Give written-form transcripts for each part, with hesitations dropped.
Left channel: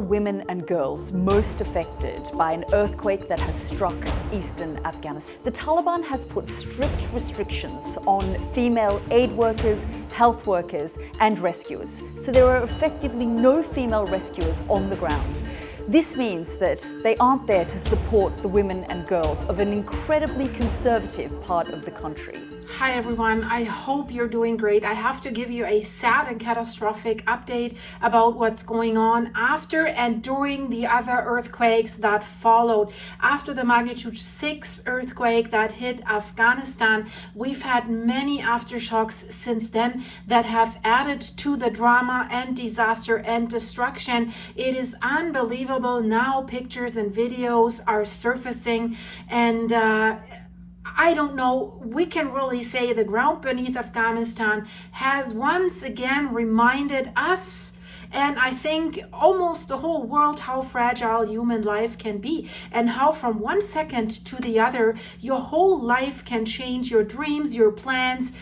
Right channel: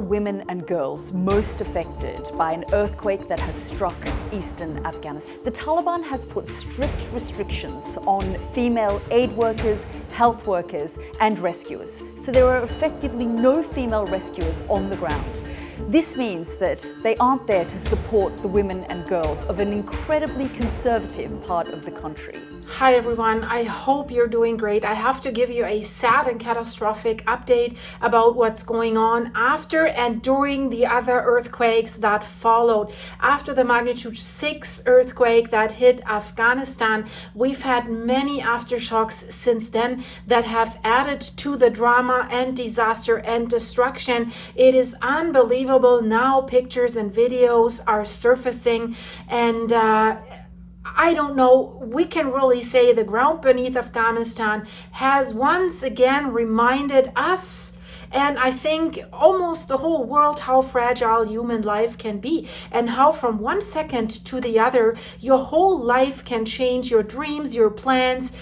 women and girls most affected by an earthquake that has struck eastern Afghanistan? The Taliban has put strict restrictions on female aid workers, health workers, and rescuers. So there are effectively no female rescuers on the ground. This means that they aren't there to support the women and girls of an incredibly conservative part of the country. Hi everyone, I hope you're doing great. I have to give you a sad and catastrophic update about what's going on after and during the other earthquakes that followed. After the magnitude 6 earthquake that hit Afghanistan, we've had many aftershocks since then that have added to the drama and disaster and destruction. It is unbelievable. Now pictures and videos are surfacing, and I don't know, we can really say the ground beneath Afghanistan has once again reminded us, and I think almost the whole world, how fragile human life can be, and how from one second to the other, your whole life can change, your dreams, your plans,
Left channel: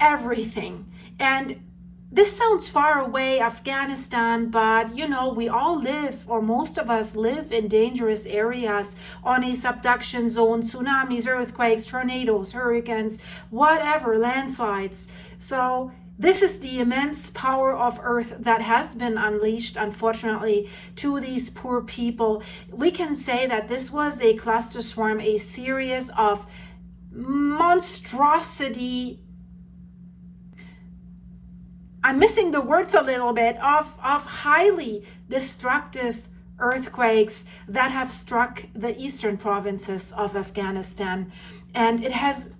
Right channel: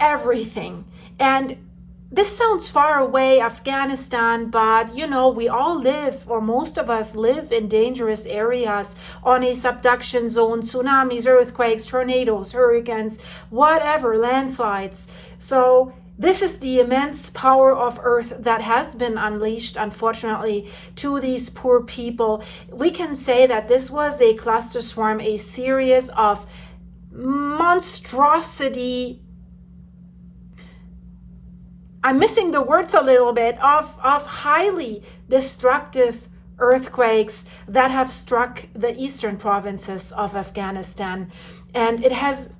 everything. And this sounds far away, Afghanistan, but you know, we all live, or most of us live in dangerous areas, on a subduction zone, tsunamis, earthquakes, tornadoes, hurricanes, whatever, landslides. So this is the immense power of Earth that has been unleashed, unfortunately, to these poor people. We can say that this was a cluster swarm, a series of monstrosity, I'm missing the words a little bit, of highly destructive earthquakes that have struck the eastern provinces of Afghanistan. And it has,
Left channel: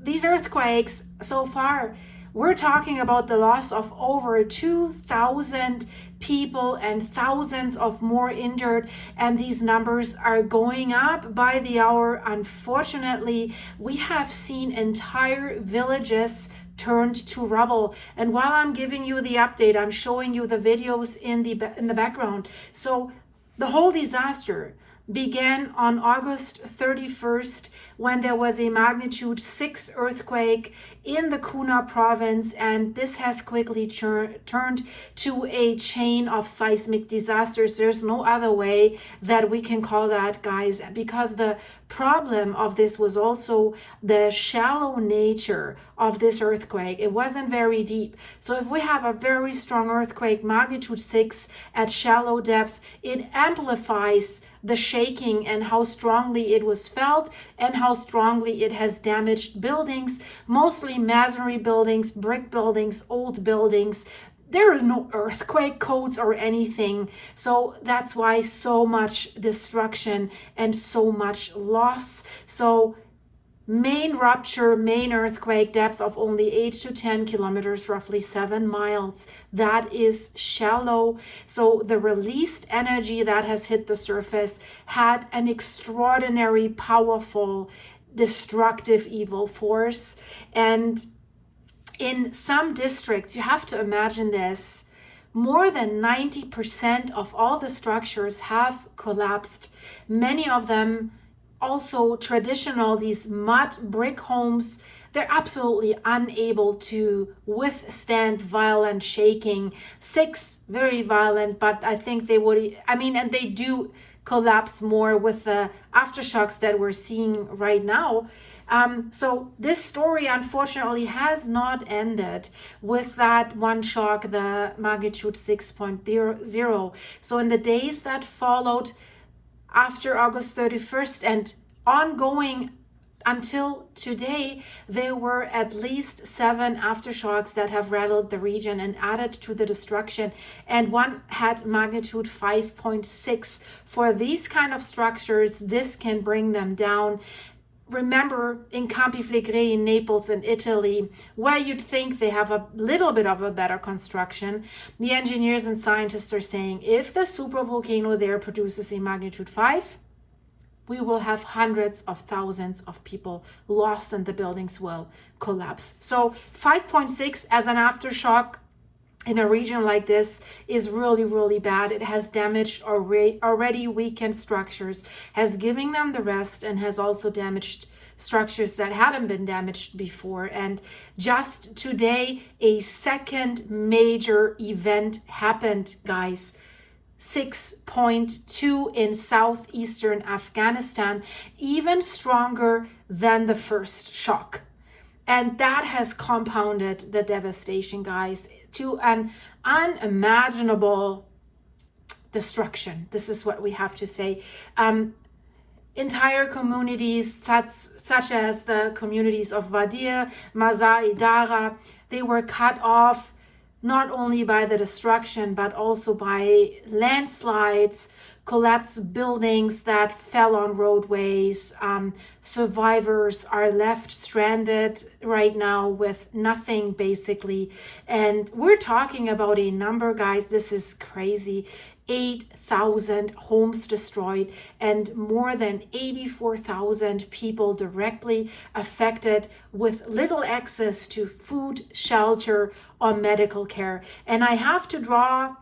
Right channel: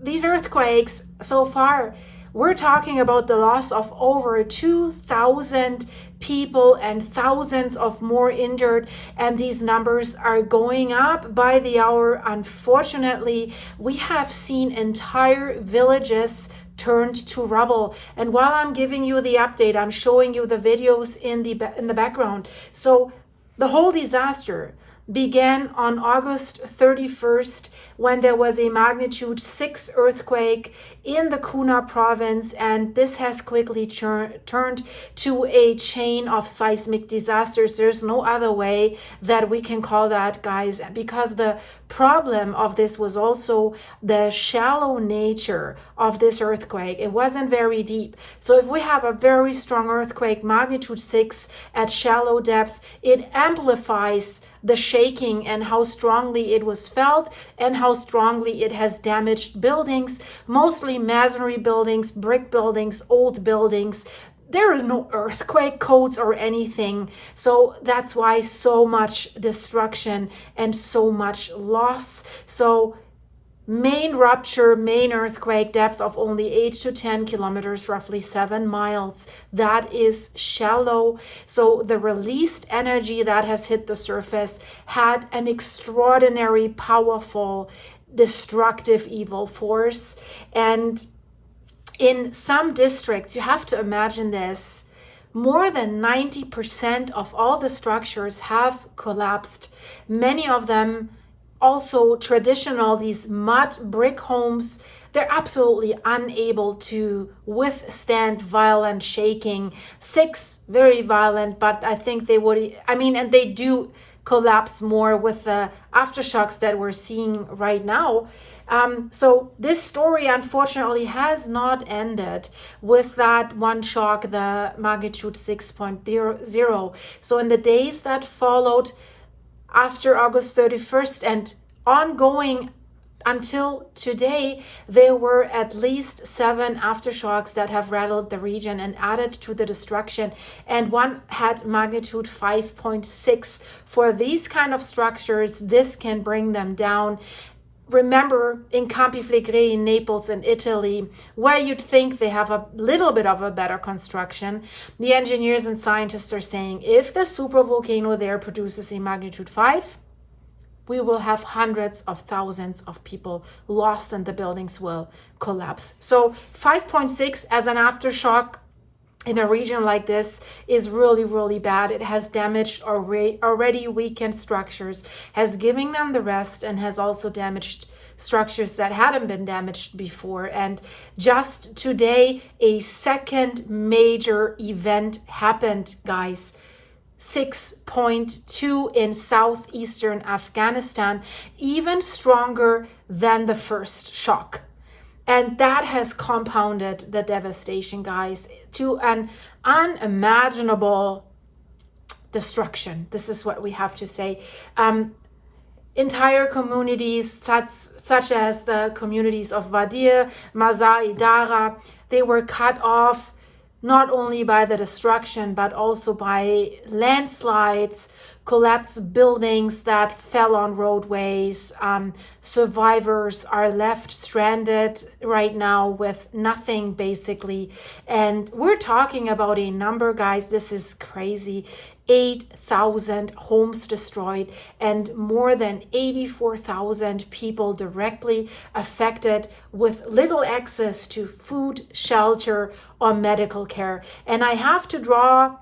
these earthquakes so far, we're talking about the loss of over 2,000 people and thousands of more injured, and these numbers are going up by the hour. Unfortunately, we have seen entire villages turned to rubble. And while I'm giving you the update, I'm showing you the videos in the background. So the whole disaster began on August 31st when there was a magnitude 6 earthquake in the Kuna province, and this has quickly turned to a chain of seismic disasters. There's no other way that we can call that, guys, because the problem of this was also the shallow nature of this earthquake. It wasn't very deep. So if we have a very strong earthquake, magnitude 6 at shallow depth, it amplifies the shaking and how strongly it was felt and how strongly it has damaged buildings, mostly masonry buildings, brick buildings, old buildings. There is no earthquake codes or anything. So that's why so much destruction and so much loss. So main rupture, main earthquake, depth of only 8 to 10 kilometers, roughly 7 miles. That is shallow. So the released energy that has hit the surface had an extraordinary, powerful, destructive, evil force. And in some districts, you have to imagine this, more than 90% of all the structures have collapsed. Many of them also traditional, these mud brick homes, they're absolutely unable to withstand violent shaking. 6, very violent, but I think they would, and they do collapse more with the aftershocks that we're seeing right now. So this story unfortunately has not ended with that one shock, the magnitude 6.0. So in the days that followed after August 31st and ongoing until today, there were at least 7 aftershocks that have rattled the region and added to the destruction, and one had magnitude 5.6. For these kind of structures, this can bring them down. Remember, in Campi Flegrei in Naples in Italy, where you'd think they have a little bit of a better construction, the engineers and scientists are saying if the supervolcano there produces a magnitude 5, we will have hundreds of thousands of people lost and the buildings will collapse. So 5.6 as an aftershock in a region like this is really, really bad. It has damaged already weakened structures, has given them the rest, and has also damaged structures that hadn't been damaged before. And just today, a second major event happened, guys. 6.2 in southeastern Afghanistan, even stronger than the first shock. And that has compounded the devastation, guys, to an unimaginable destruction. This is what we have to say. Entire communities, such as the communities of Wadir, Mazar-e Dara, they were cut off not only by the destruction, but also by landslides, collapsed buildings that fell on roadways. Survivors are left stranded right now with nothing, basically. And we're talking about a number, guys, this is crazy. 8,000 homes destroyed and more than 84,000 people directly affected with little access to food, shelter, or medical care. And I have to draw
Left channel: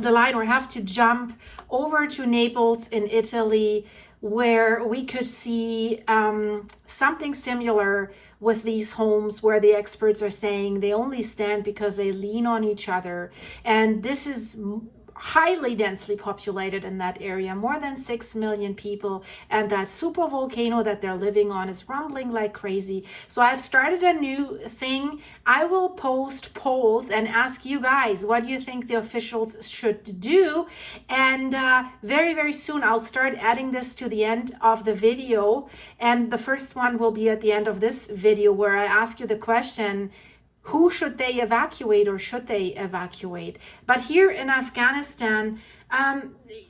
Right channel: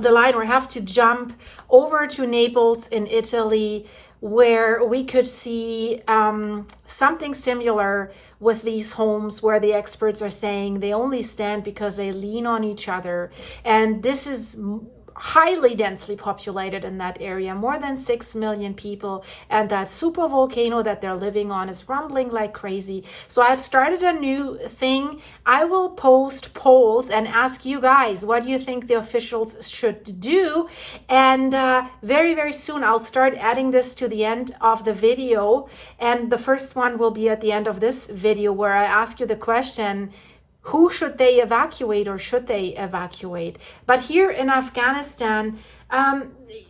the line, or have to jump over to Naples in Italy, where we could see something similar with these homes, where the experts are saying they only stand because they lean on each other. And this is highly densely populated in that area, more than 6 million people, and that super volcano that they're living on is rumbling like crazy. So I've started a new thing. I will post polls and ask you guys, what do you think the officials should do? And very, very soon I'll start adding this to the end of the video, and the first one will be at the end of this video, where I ask you the question, who should they evacuate, or should they evacuate? But here in Afghanistan,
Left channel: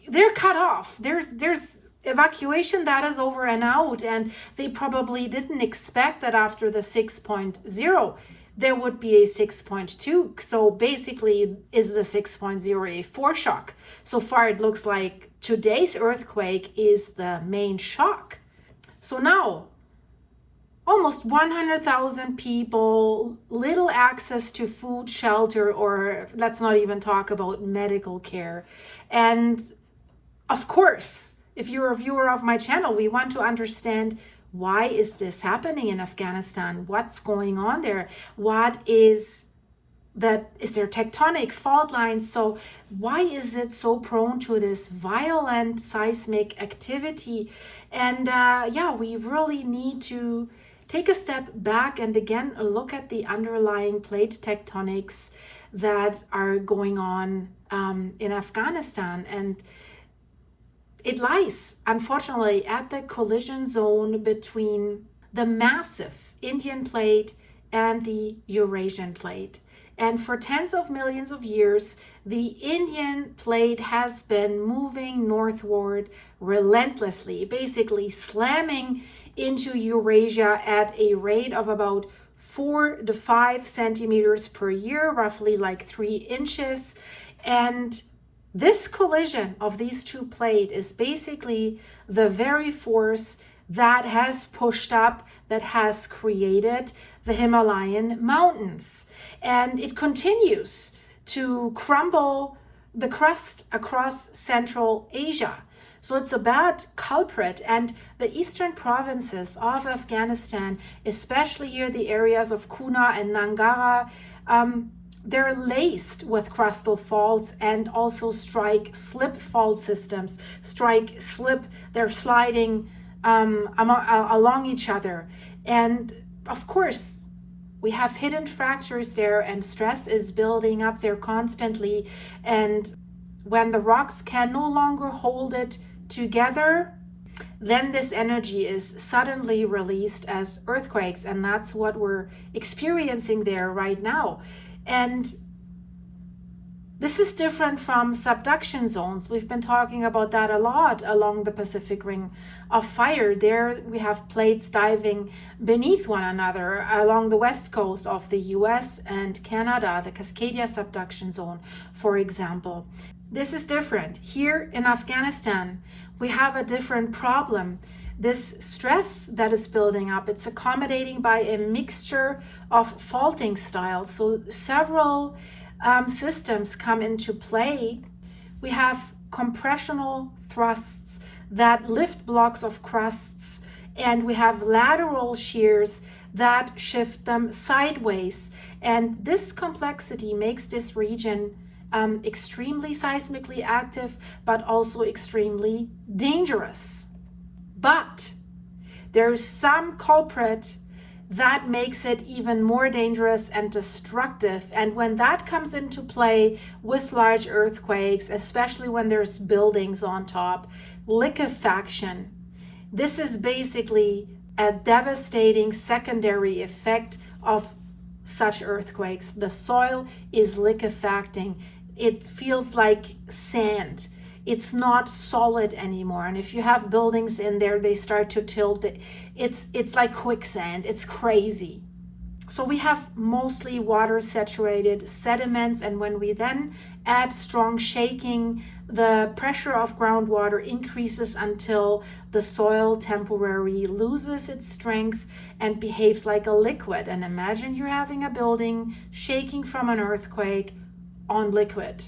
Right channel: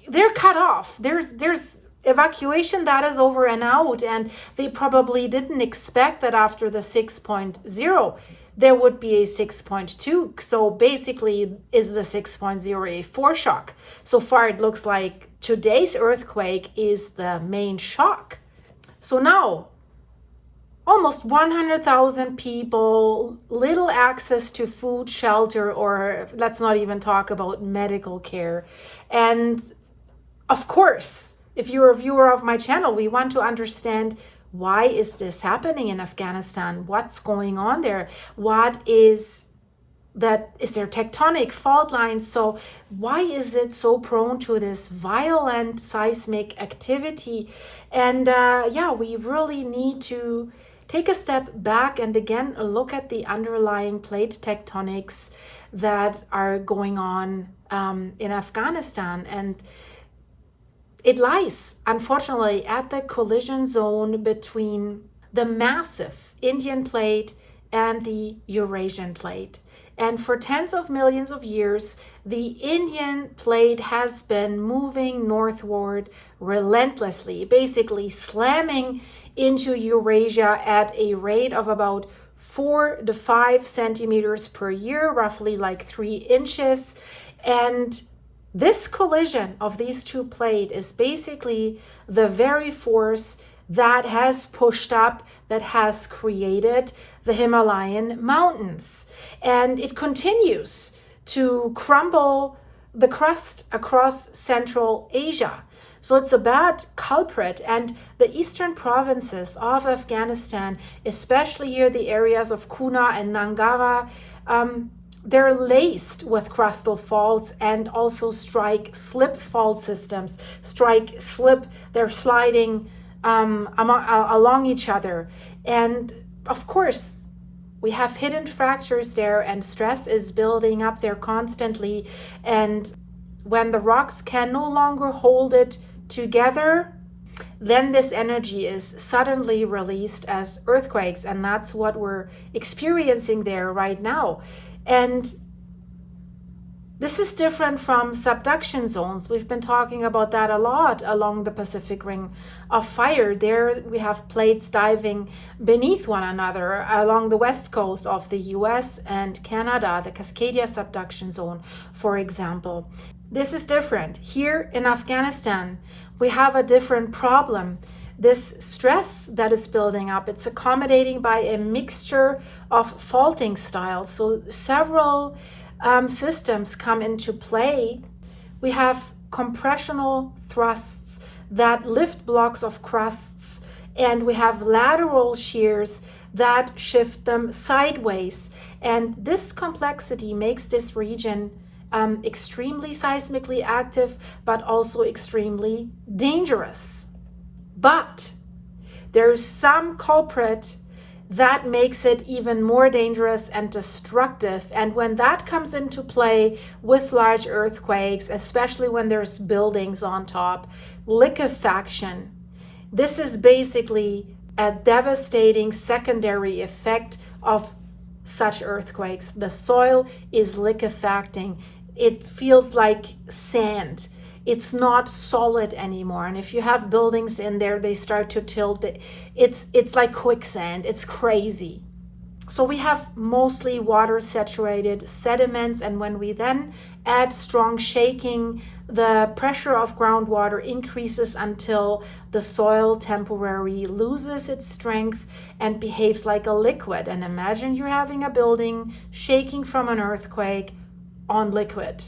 they're cut off. There's evacuation that is over and out, and they probably didn't expect that after the 6.0 there would be a 6.2. So basically, is the 6.0 a foreshock? So far, it looks like today's earthquake is the main shock. So now, almost 100,000 people, little access to food, shelter, or let's not even talk about medical care. And of course, if you're a viewer of my channel, we want to understand, why is this happening in Afghanistan? What's going on there? What is that? Is there tectonic fault lines? So why is it so prone to this violent seismic activity? And yeah, we really need to take a step back and again look at the underlying plate tectonics that are going on in Afghanistan. And it lies, unfortunately, at the collision zone between the massive Indian plate and the Eurasian plate. And for tens of millions of years, the Indian plate has been moving northward relentlessly, basically slamming into Eurasia at a rate of about 4 to 5 centimeters per year, roughly like 3 inches. And this collision of these two plates is basically the very force that has pushed up, that has created the Himalayan mountains. And it continues to crumble the crust across Central Asia. So it's a bad culprit, and the eastern provinces of Afghanistan, especially here the areas of Kuna and Nangara, they're laced with crustal faults and also strike-slip fault systems. Strike-slip, they're sliding along each other. And of course, we have hidden fractures there, and stress is building up there constantly. And when the rocks can no longer hold it together, then this energy is suddenly released as earthquakes, and that's what we're experiencing there right now. And this is different from subduction zones. We've been talking about that a lot along the Pacific Ring of Fire. There we have plates diving beneath one another along the west coast of the US and Canada, the Cascadia subduction zone, for example. This is different. Here in Afghanistan, we have a different problem. This stress that is building up, it's accommodating by a mixture of faulting styles. So several systems come into play. We have compressional thrusts that lift blocks of crusts, and we have lateral shears that shift them sideways. And this complexity makes this region extremely seismically active, but also extremely dangerous. But there's some culprit that makes it even more dangerous and destructive. And when that comes into play with large earthquakes, especially when there's buildings on top, liquefaction. This is basically a devastating secondary effect of such earthquakes. The soil is liquefacting. It feels like sand. It's not solid anymore. And if you have buildings in there, they start to tilt. It's like quicksand. It's crazy. So we have mostly water saturated sediments, and when we then add strong shaking, the pressure of groundwater increases until the soil temporarily loses its strength and behaves like a liquid. And imagine you're having a building shaking from an earthquake on liquid.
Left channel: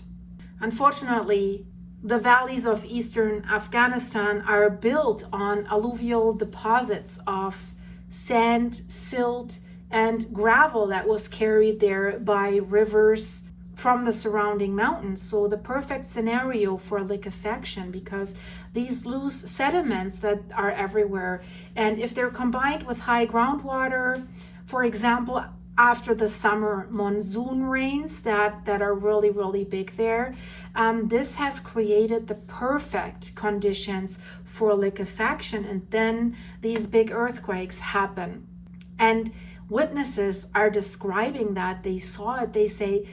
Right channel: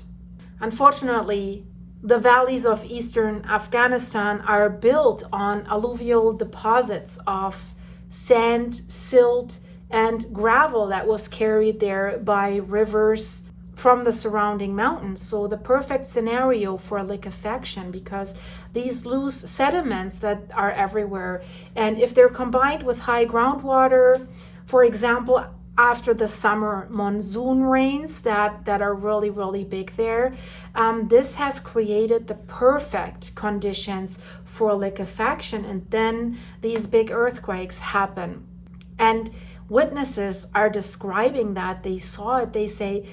Unfortunately, the valleys of eastern Afghanistan are built on alluvial deposits of sand, silt, and gravel that was carried there by rivers from the surrounding mountains. So the perfect scenario for liquefaction, because these loose sediments that are everywhere, and if they're combined with high groundwater, for example, after the summer monsoon rains that are really, really big there, this has created the perfect conditions for liquefaction, and then these big earthquakes happen. And witnesses are describing that. They saw it. They say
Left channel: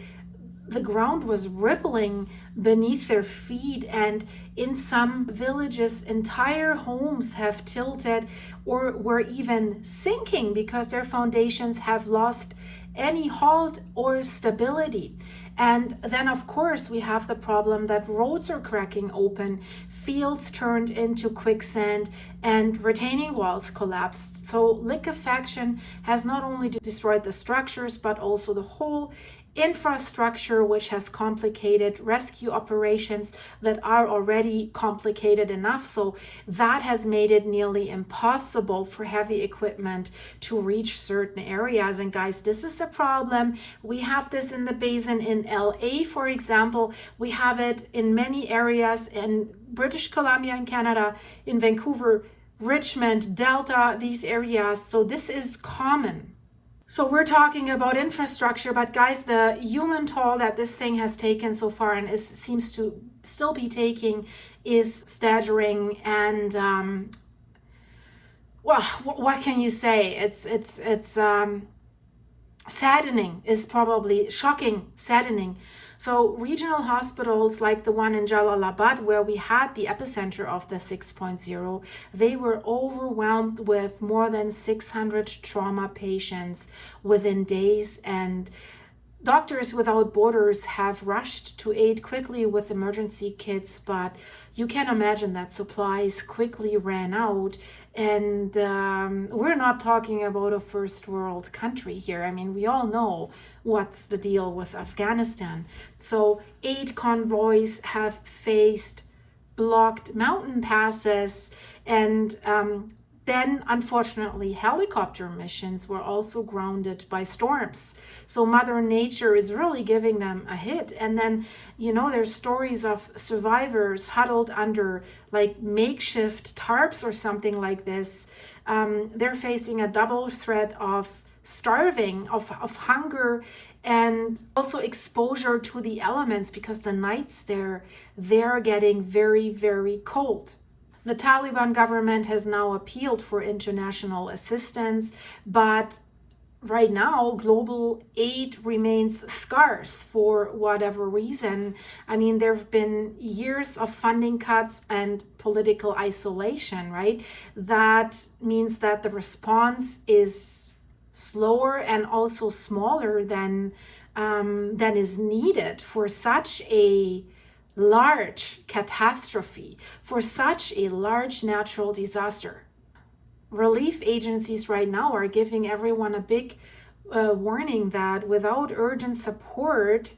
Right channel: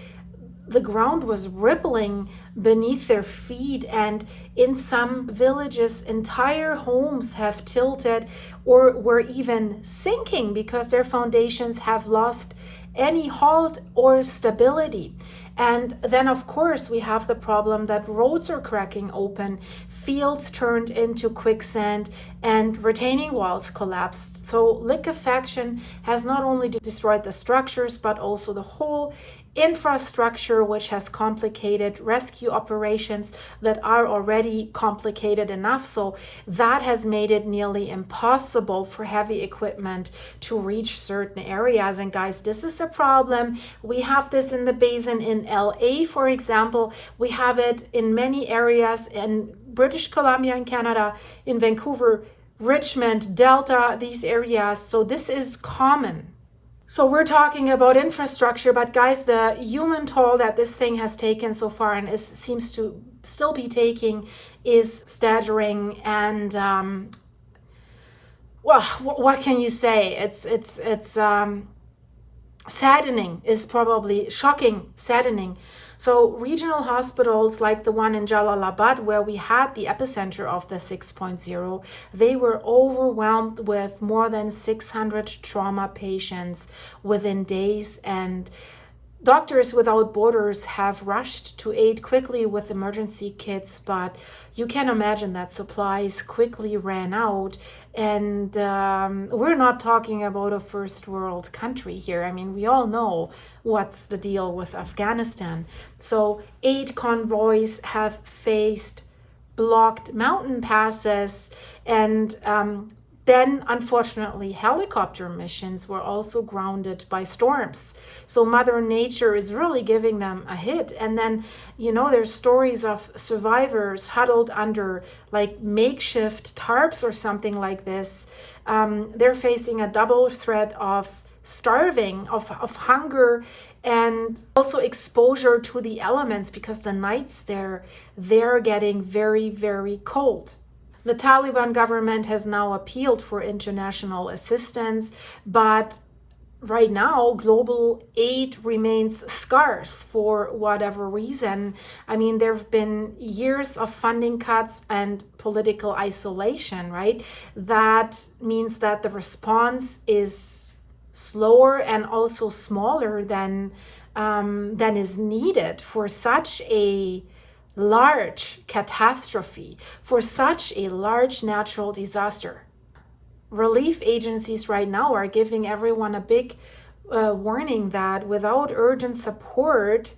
the ground was rippling beneath their feet, and in some villages, entire homes have tilted or were even sinking because their foundations have lost any halt or stability. And then, of course, we have the problem that roads are cracking open, fields turned into quicksand, and retaining walls collapsed. So liquefaction has not only destroyed the structures, but also the whole infrastructure, which has complicated rescue operations that are already complicated enough. So that has made it nearly impossible for heavy equipment to reach certain areas. And guys, this is a problem. We have this in the basin in LA, for example. We have it in many areas in British Columbia in Canada, in Vancouver, Richmond, Delta, these areas. So this is common. So we're talking about infrastructure, but guys, the human toll that this thing has taken so far and seems to still be taking is staggering. And well, what can you say? It's saddening. Is probably shocking, saddening. So regional hospitals like the one in Jalalabad, where we had the epicenter of the 6.0, they were overwhelmed with more than 600 trauma patients within days, and Doctors Without Borders have rushed to aid quickly with emergency kits, but you can imagine that supplies quickly ran out. And we're not talking about a first world country here. I mean, we all know what's the deal with Afghanistan. So aid convoys have faced blocked mountain passes, and then, unfortunately, helicopter missions were also grounded by storms. So Mother Nature is really giving them a hit. And then, you know, there's stories of survivors huddled under like makeshift tarps or something like this. They're facing a double threat of starving, of hunger, and also exposure to the elements, because the nights they're getting very, very cold. The Taliban government has now appealed for international assistance, but right now global aid remains scarce for whatever reason. I mean, there have been years of funding cuts and political isolation, right? That means that the response is slower and also smaller than is needed for such a large catastrophe, for such a large natural disaster. Relief agencies right now are giving everyone a big warning that without urgent support,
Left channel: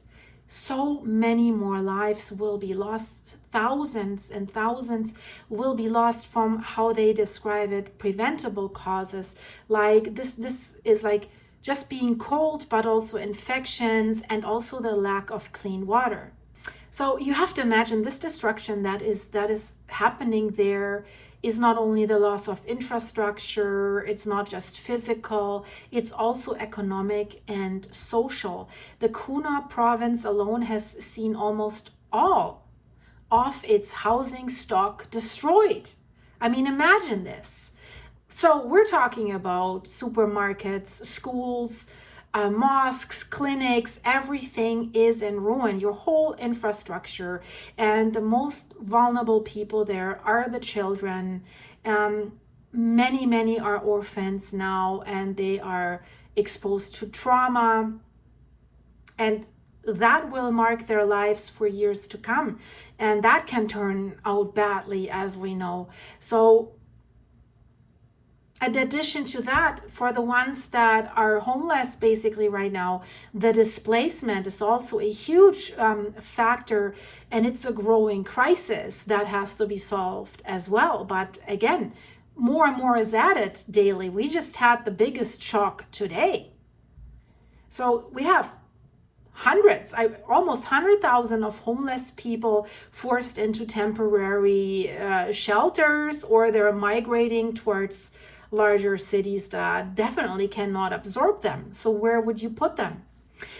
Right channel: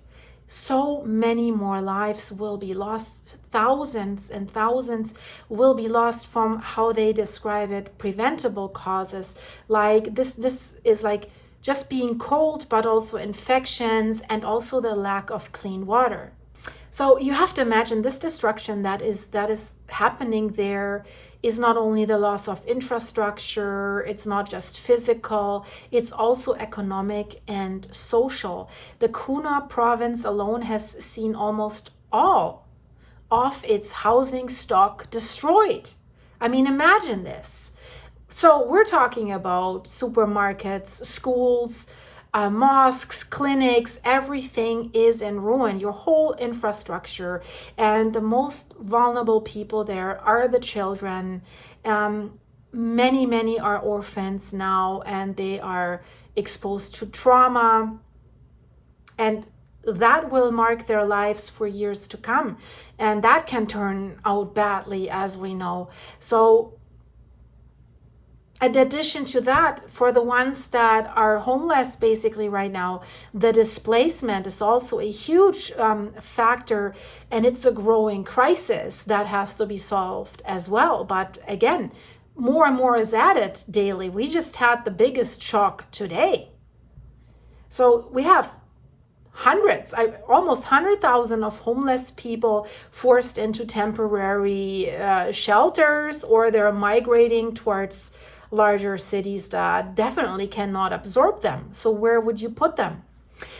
so many more lives will be lost. Thousands and thousands will be lost from, how they describe it, preventable causes. Like this is like just being cold, but also infections and also the lack of clean water. So you have to imagine this destruction that is happening there is not only the loss of infrastructure, it's not just physical, it's also economic and social. The Kuna province alone has seen almost all of its housing stock destroyed. I mean, imagine this. So we're talking about supermarkets, schools, mosques, clinics, everything is in ruin, your whole infrastructure. And the most vulnerable people there are the children. Many are orphans now, and they are exposed to trauma. And that will mark their lives for years to come. And that can turn out badly, as we know. So in addition to that, for the ones that are homeless basically right now, the displacement is also a huge factor, and it's a growing crisis that has to be solved as well. But again, more and more is added daily. We just had the biggest shock today. So we have almost 100,000 of homeless people forced into temporary shelters, or they're migrating towards larger cities that definitely cannot absorb them. So where would you put them?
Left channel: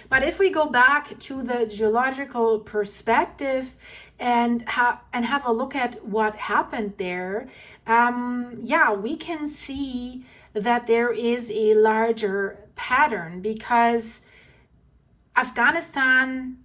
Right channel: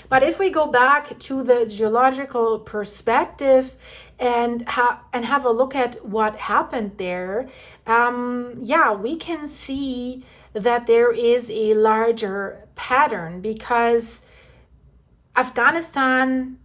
But if we go back to the geological perspective and have a look at what happened there, we can see that there is a larger pattern, because Afghanistan,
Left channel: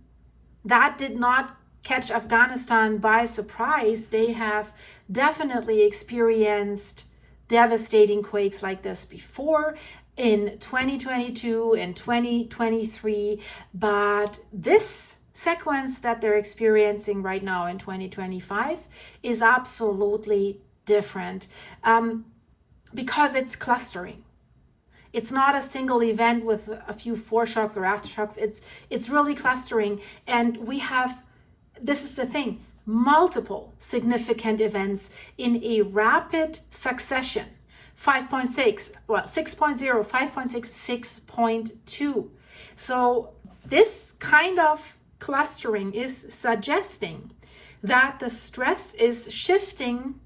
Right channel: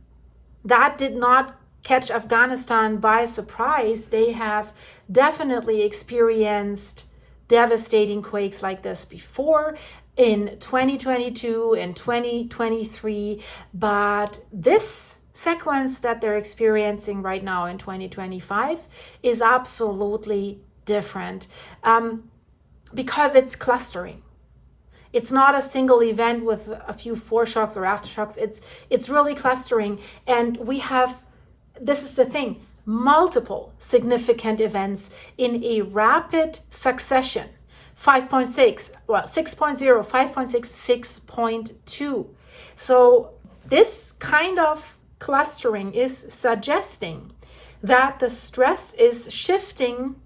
that did not catch Afghanistan by surprise. They have definitely experienced devastating quakes like this before in 2022 and 2023, but this sequence that they're experiencing right now in 2025 is absolutely different, because it's clustering. It's not a single event with a few foreshocks or aftershocks. It's really clustering, and we have, this is the thing, multiple significant events in a rapid succession. 5.6, 6.0, 5.6, 6.2. So this kind of clustering is suggesting that the stress is shifting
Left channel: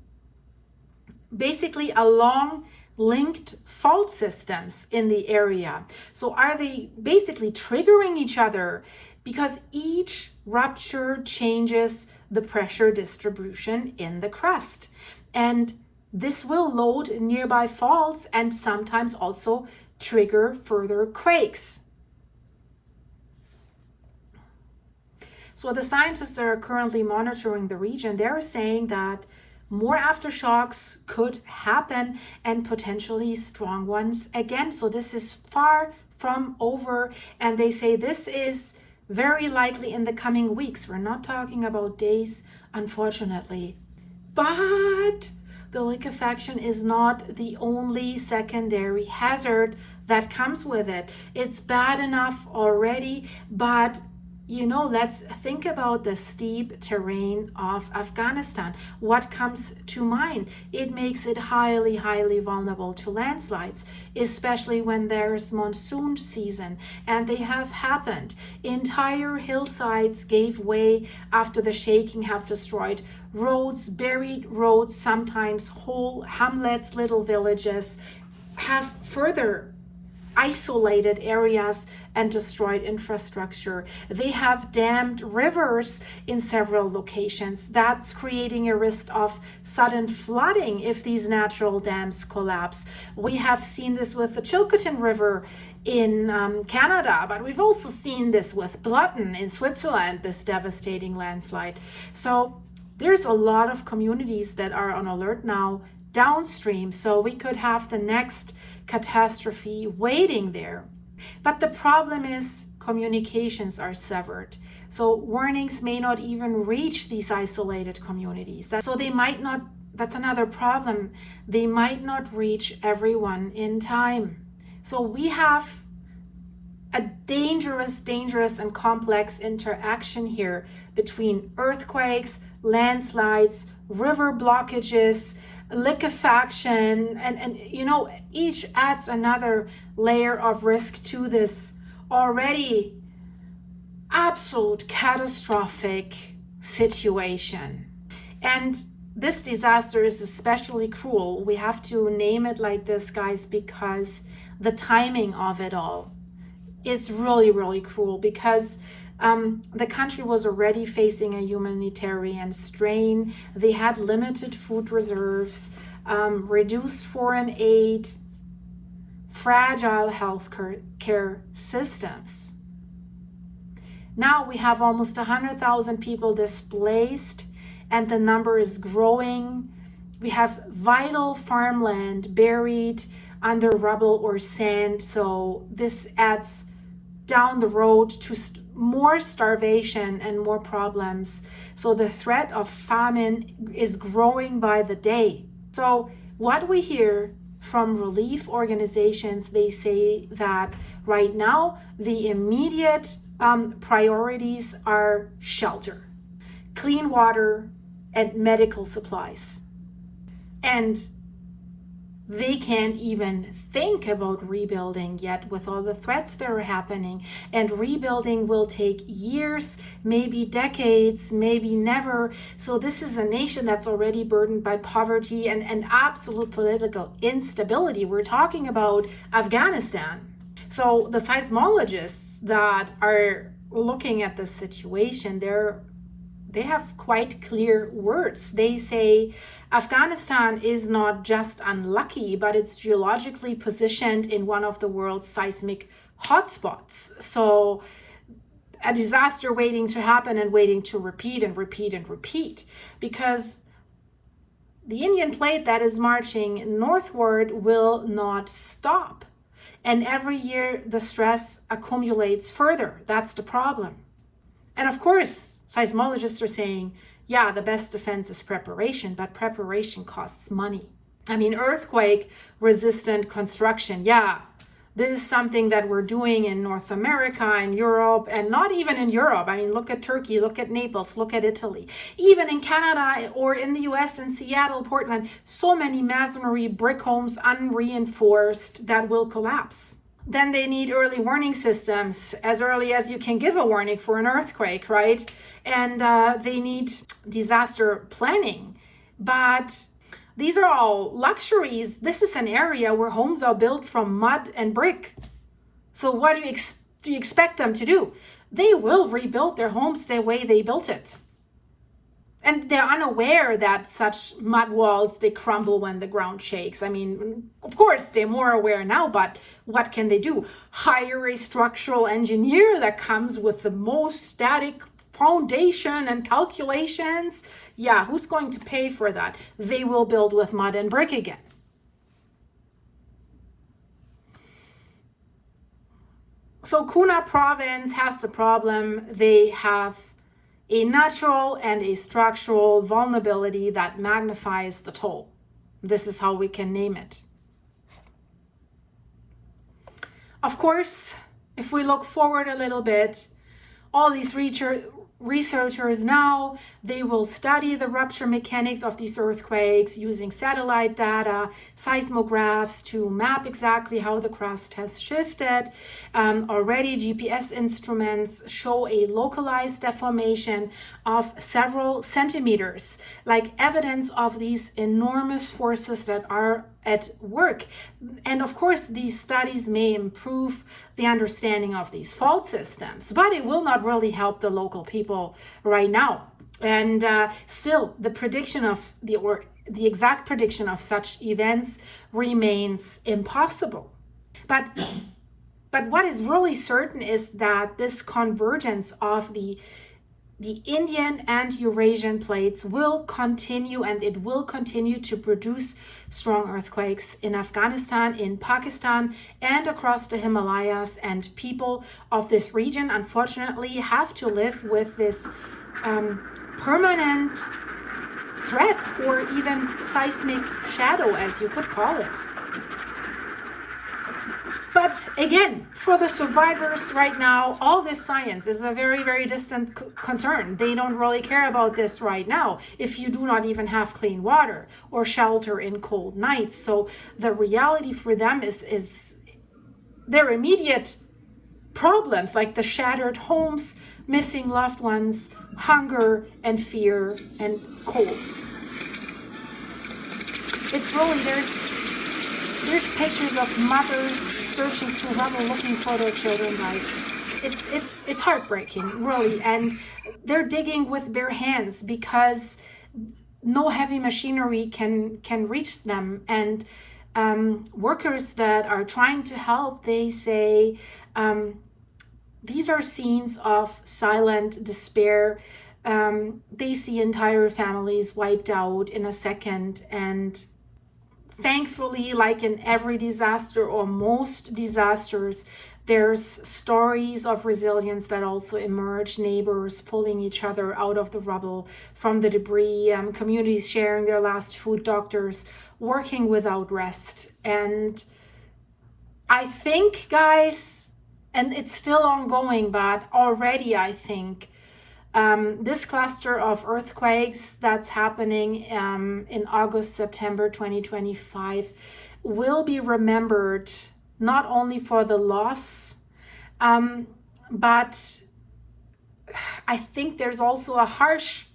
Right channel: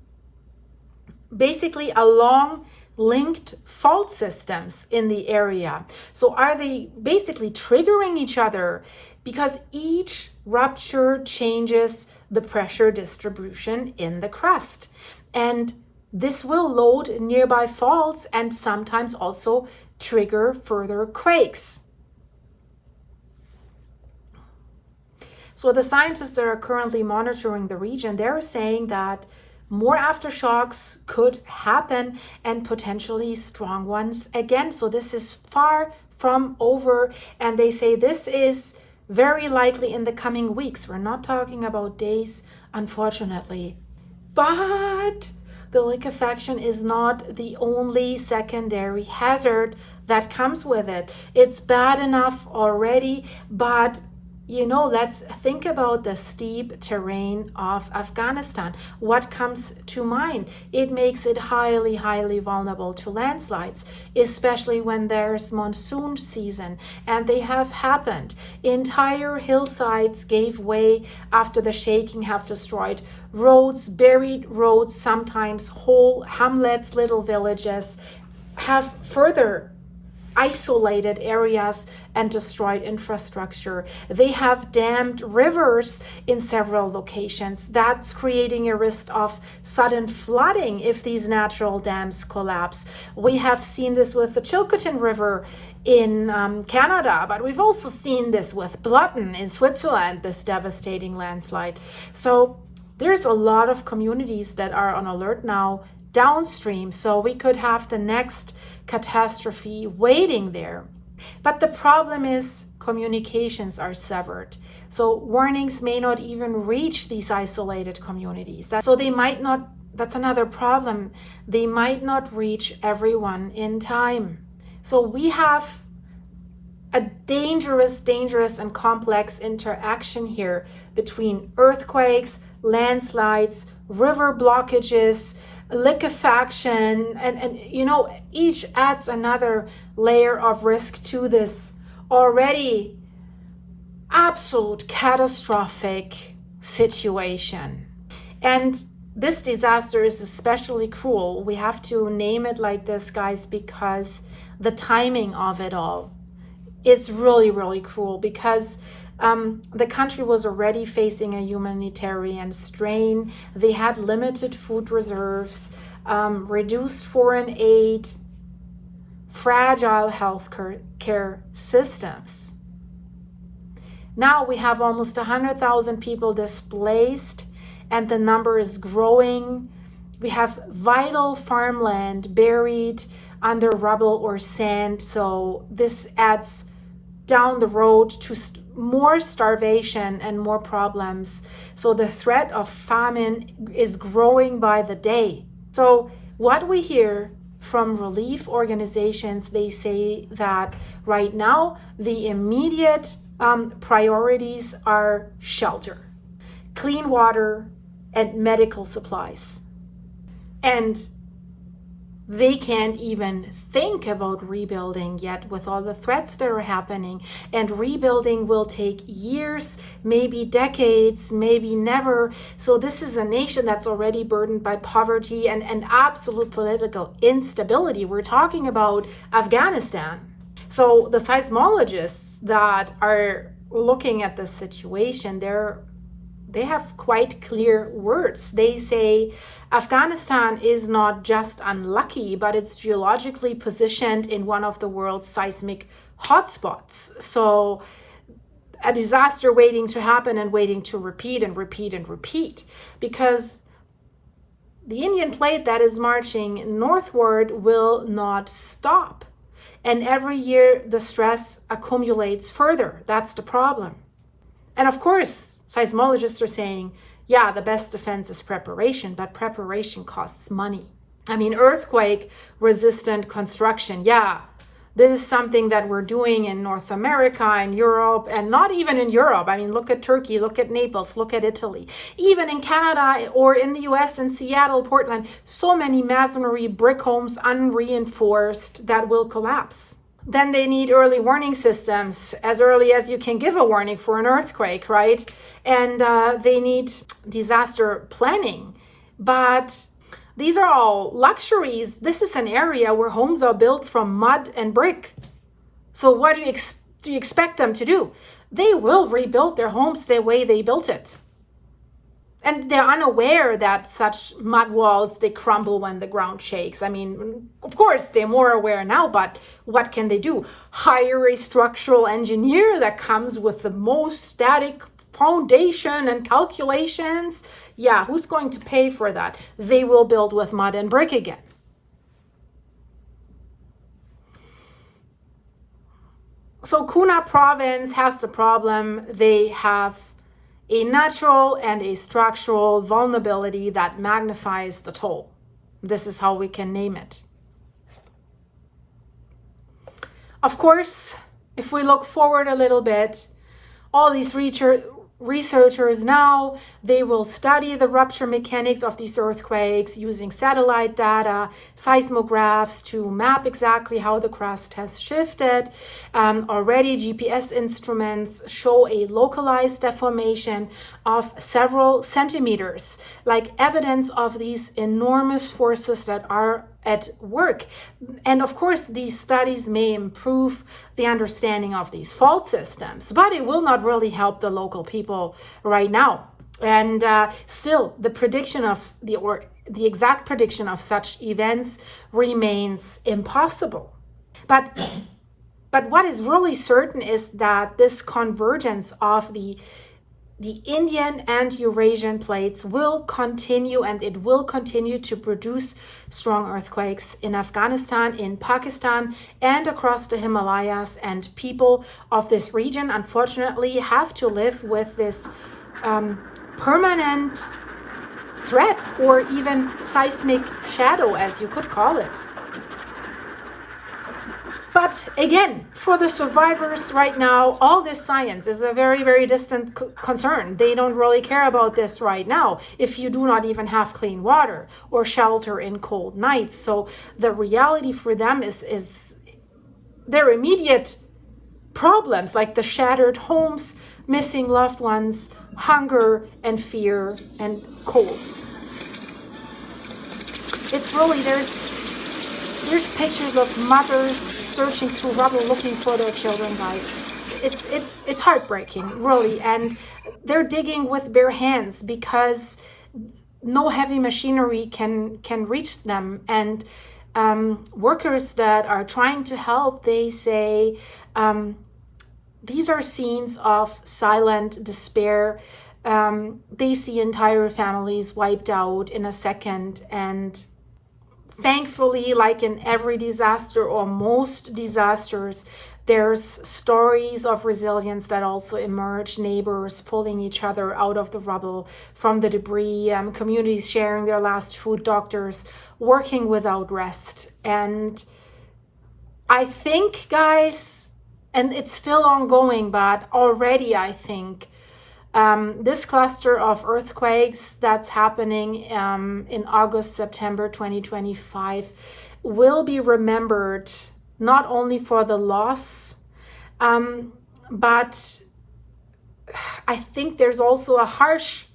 basically along linked fault systems in the area. So are they basically triggering each other? Because each rupture changes the pressure distribution in the crust. And this will load nearby faults and sometimes also trigger further quakes. So the scientists that are currently monitoring the region, they're saying that more aftershocks could happen, and potentially strong ones again. So this is far from over, and they say this is very likely in the coming weeks. We're not talking about days, unfortunately. But the liquefaction is not the only secondary hazard that comes with it. It's bad enough already, but let's think about the steep terrain of Afghanistan. What comes to mind? It makes it highly, highly vulnerable to landslides, especially when there's monsoon season, and they have happened. Entire hillsides gave way after the shaking have destroyed roads, buried roads, sometimes whole hamlets, little villages, have further isolated areas and destroyed infrastructure. They have dammed rivers in several locations. That's creating a risk of sudden flooding if these natural dams collapse. We have seen this with the Chilcotin River in Canada, but we've also seen this with Blotten in Switzerland, this devastating landslide. So there's a lot of communities that are on alert now downstream. So we could have the next catastrophe waiting there. But the problem is communications are severed. So warnings may not even reach these isolated communities. So they might not, that's another problem. They might not reach everyone in time. So we have a dangerous and complex interaction here between earthquakes, landslides, river blockages, liquefaction, and each adds another layer of risk to this already absolute catastrophic situation. And this disaster is especially cruel. We have to name it like this, guys, because the timing of it all, it's really, really cruel, because the country was already facing a humanitarian strain. They had limited food reserves, reduced foreign aid, fragile health care systems. Now we have almost 100,000 people displaced, and the number is growing. We have vital farmland buried under rubble or sand. So this adds down the road to more starvation and more problems. So the threat of famine is growing by the day. So what we hear from relief organizations, they say that right now the immediate priorities are shelter, clean water, and medical supplies. And they can't even think about rebuilding yet with all the threats that are happening. And rebuilding will take years, maybe decades, maybe never. So this is a nation that's already burdened by poverty and absolute political instability. We're talking about Afghanistan. So the seismologists that are looking at this situation, they have quite clear words. They say Afghanistan is not just unlucky, but it's geologically positioned in one of the world's seismic hotspots. So a disaster waiting to happen and waiting to repeat and repeat and repeat, because the Indian plate that is marching northward will not stop. And every year the stress accumulates further. That's the problem. And of course, seismologists are saying, yeah, the best defense is preparation, but preparation costs money. I mean, earthquake resistant construction, yeah, this is something that we're doing in North America and Europe, and not even in Europe. I mean, look at Turkey, look at Naples, look at Italy. Even in Canada or in the US, in Seattle, Portland, so many masonry brick homes unreinforced that will collapse. Then they need early warning systems, as early as you can give a warning for an earthquake, right? And they need disaster planning. But these are all luxuries. This is an area where homes are built from mud and brick. So what do you expect them to do? They will rebuild their homes the way they built it. And they're unaware that such mud walls, they crumble when the ground shakes. I mean, of course, they're more aware now, but what can they do? Hire a structural engineer that comes with the most static foundation and calculations? Yeah, who's going to pay for that? They will build with mud and brick again. So Kuna province has the problem. They have a natural and a structural vulnerability that magnifies the toll. This is how we can name it. Of course, if we look forward a little bit, all these researchers now, they will study the rupture mechanics of these earthquakes using satellite data, seismographs to map exactly how the crust has shifted. Already GPS instruments show a localized deformation of several centimeters, like evidence of these enormous forces that are at work. And of course, these studies may improve the understanding of these fault systems, but it will not really help the local people right now. And still, the prediction of the exact prediction of such events remains impossible. But what is really certain is that this convergence of the Indian and Eurasian plates will continue, and it will continue to produce strong earthquakes in Afghanistan, in Pakistan, and across the Himalayas. And people of this region, unfortunately, have to live with this permanent threat, or even seismic shadow, as you could call it. But again, for the survivors right now, all this science is a very, very distant concern. They don't really care about this right now if you do not even have clean water or shelter in cold nights. So the reality for them is their immediate problems, like the shattered homes, missing loved ones, hunger and fear and cold. It's really, there's pictures of mothers searching through rubble looking for their children, guys. It's heartbreaking, really, and they're digging with bare hands because no heavy machinery can reach them. And workers that are trying to help, they say these are scenes of silent despair. They see entire families wiped out in a second, and thankfully, like in every disaster or most disasters, there's stories of resilience that also emerge, neighbors pulling each other out of the rubble from the debris, communities sharing their last food, doctors working without rest. And I think, guys, and it's still ongoing, but already I think this cluster of earthquakes that's happening in August, September 2025 will be remembered not only for the loss, but I think there's also a harsh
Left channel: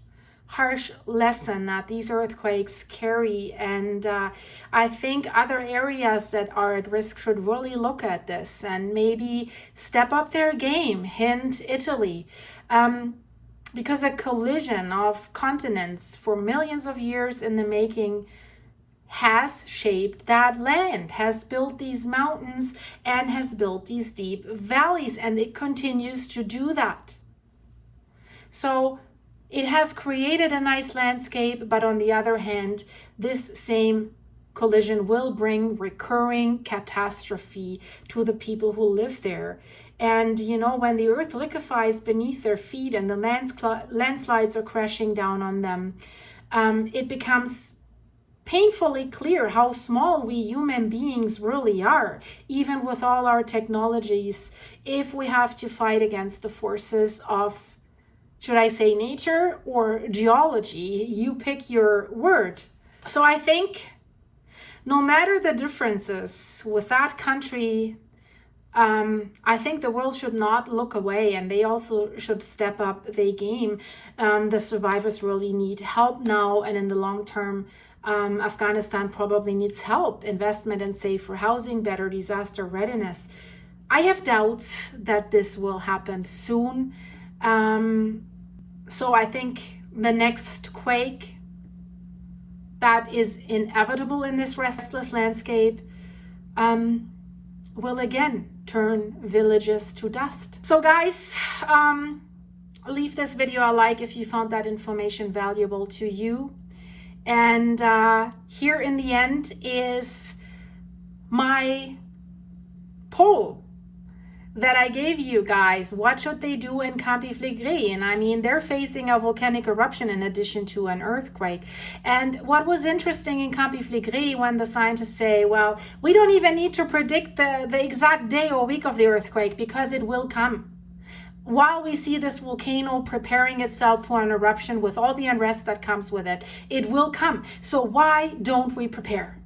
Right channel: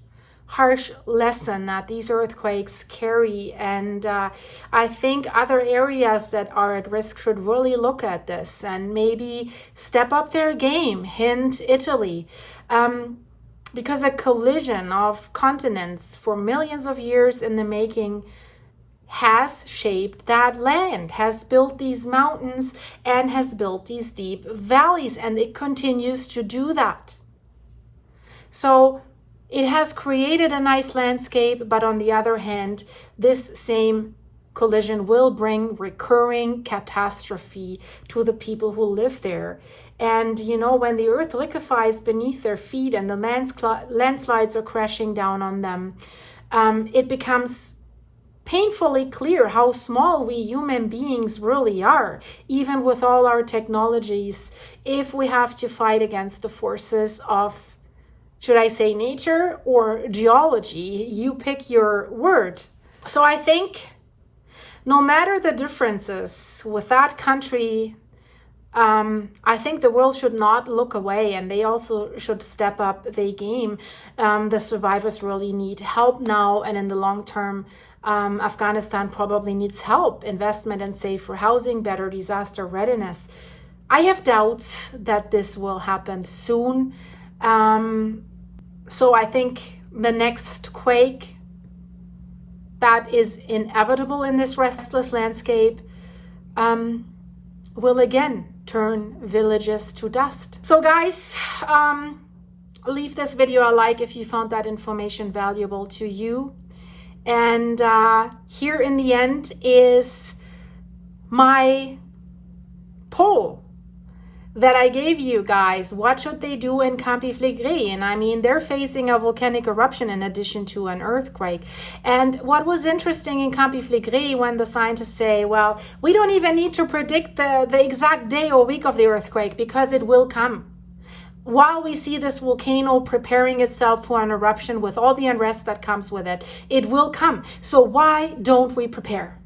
lesson that these earthquakes carry. And I think other areas that are at risk should really look at this and maybe step up their game. Hint, Italy. Because a collision of continents for millions of years in the making has shaped that land, has built these mountains, and has built these deep valleys, and it continues to do that. So it has created a nice landscape, but on the other hand, this same collision will bring recurring catastrophe to the people who live there. And you know, when the earth liquefies beneath their feet and the landslides are crashing down on them, it becomes painfully clear how small we human beings really are, even with all our technologies, if we have to fight against the forces of, should I say, nature or geology? You pick your word. So I think no matter the differences with that country, I think the world should not look away, and they also should step up their game. The survivors really need help now, and in the long term, Afghanistan probably needs help, investment in safer housing, better disaster readiness. I have doubts that this will happen soon. So I think the next quake that is inevitable in this restless landscape will again turn villages to dust. So guys, leave this video a like if you found that information valuable to you. And here in the end is my poll that I gave you guys. What should they do in Campi Flegrei? And I mean, they're facing a volcanic eruption in addition to an earthquake. And what was interesting in Campi Flegrei, when the scientists say, well, we don't even need to predict the exact day or week of the earthquake because it will come. While we see this volcano preparing itself for an eruption with all the unrest that comes with it, it will come. So why don't we prepare?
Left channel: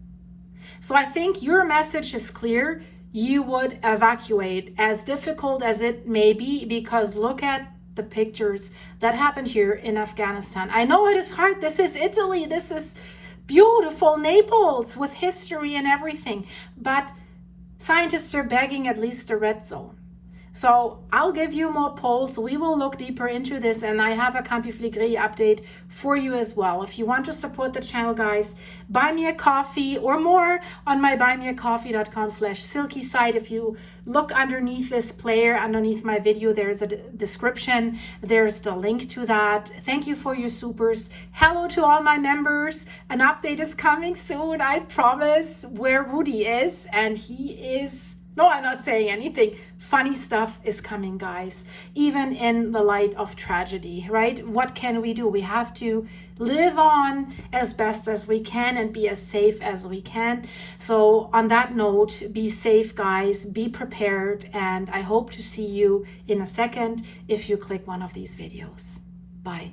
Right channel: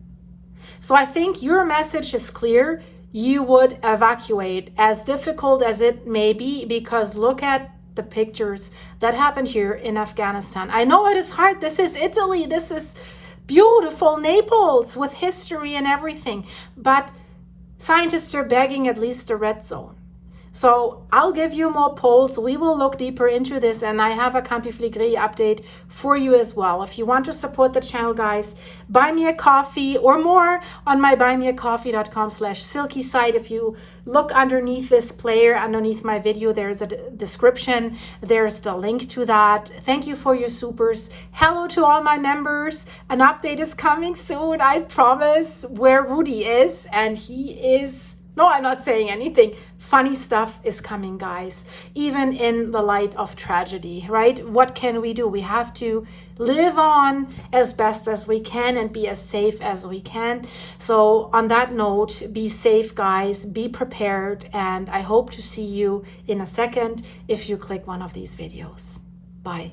So I think your message is clear. You would evacuate, as difficult as it may be, because look at the pictures that happened here in Afghanistan. I know it is hard. This is Italy. This is beautiful Naples with history and everything. But scientists are begging at least a red zone. So I'll give you more polls. We will look deeper into this, and I have a Campi Flegrei update for you as well. If you want to support the channel, guys, buy me a coffee or more on my buymeacoffee.com/silky site. If you look underneath this player, underneath my video, there's a description. There's the link to that. Thank you for your supers. Hello to all my members. An update is coming soon, I promise, where Rudy is, and he is... No, I'm not saying anything. Funny stuff is coming, guys, even in the light of tragedy, right? What can we do? We have to live on as best as we can and be as safe as we can. So on that note, be safe, guys, be prepared, and I hope to see you in a second if you click one of these videos. Bye.